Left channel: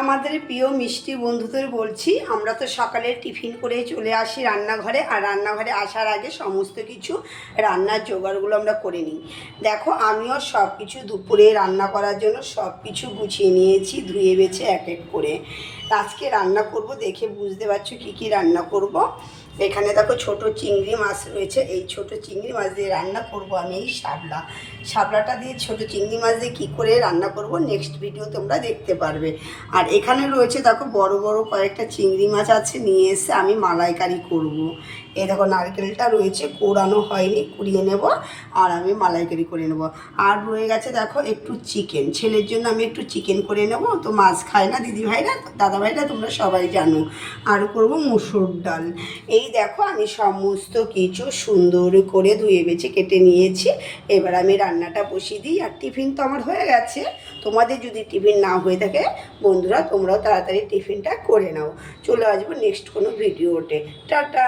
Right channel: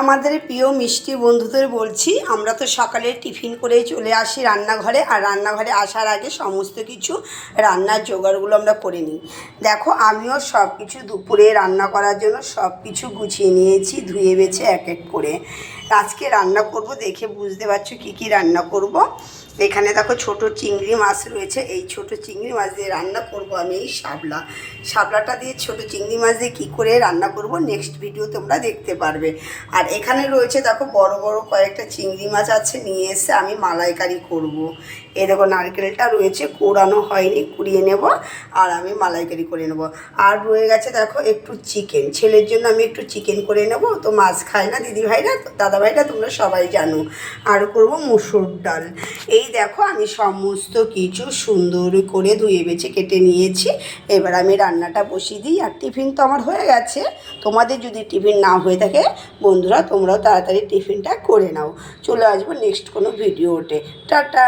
আমাদের প্রিয় মিষ্টি বন্ধুদের বলছি, আমরা তো সকালে টিফিন করে চলে আসি রান্নাঘরে, আর রান্নাঘরে আসার আগে সমস্ত কিছু রান্নার জোগাড়গুলো আমরা করে নিই। দেখো, আমিও সব কিছু দুপুরে রান্না করার জন্য সব কিছু গুছিয়ে নিয়েছি, ধুয়ে বেছে এক এক করে। আজকে রান্না করব, দেখে বুঝতে পারছো কী কী রান্না করব। এখানে দেখো ছোট চিংড়ি মাছ রয়েছে, এই ছোট চিংড়ি মাছ দিয়ে রান্না করব আমি এই শাপলাটা দিয়ে ছোট চিংড়ি মাছ দিয়ে কী করে রান্না করব নেক্সট ভিডিও তোমরা দেখতে পারবে। আর এখানে রয়েছে দেখো বড় বড় কয়েকটা চিংড়ি মাছ আছে, নিয়ে এসে আমি মালাইকারি করব। এই দেখো নারকেলটা রয়েছে, কোড়ানো হয়নি, কুড়িয়ে নেব আর আমি মালাইকারি করে নেব। আর রয়ে গেছে দেখো একটু চিকেন, ছেলের জন্য আমি একটু চিকেন করে নেব, তো মাছ খায় না দিদিভাইরা, দাদাভাইরা, তোমরা সবাই জানো। আর করব মুসুর ডাল। এই দেখো আমি সমস্ত কিছু সুন্দর করে ধুয়ে বেছে কেটে নিয়েছি। এবার আমি রান্নাটা বসিয়ে দিই। আর টিফিন তো আমার হয়ে গেছে, তোমাদের যদি টিফিন না হয়ে থাকে বন্ধুরা, তোমরাও তাড়াতাড়ি টিফিনটা করে নাও। চলে আসবো নেক্সট কোনো ভিডিওতে। টাটা।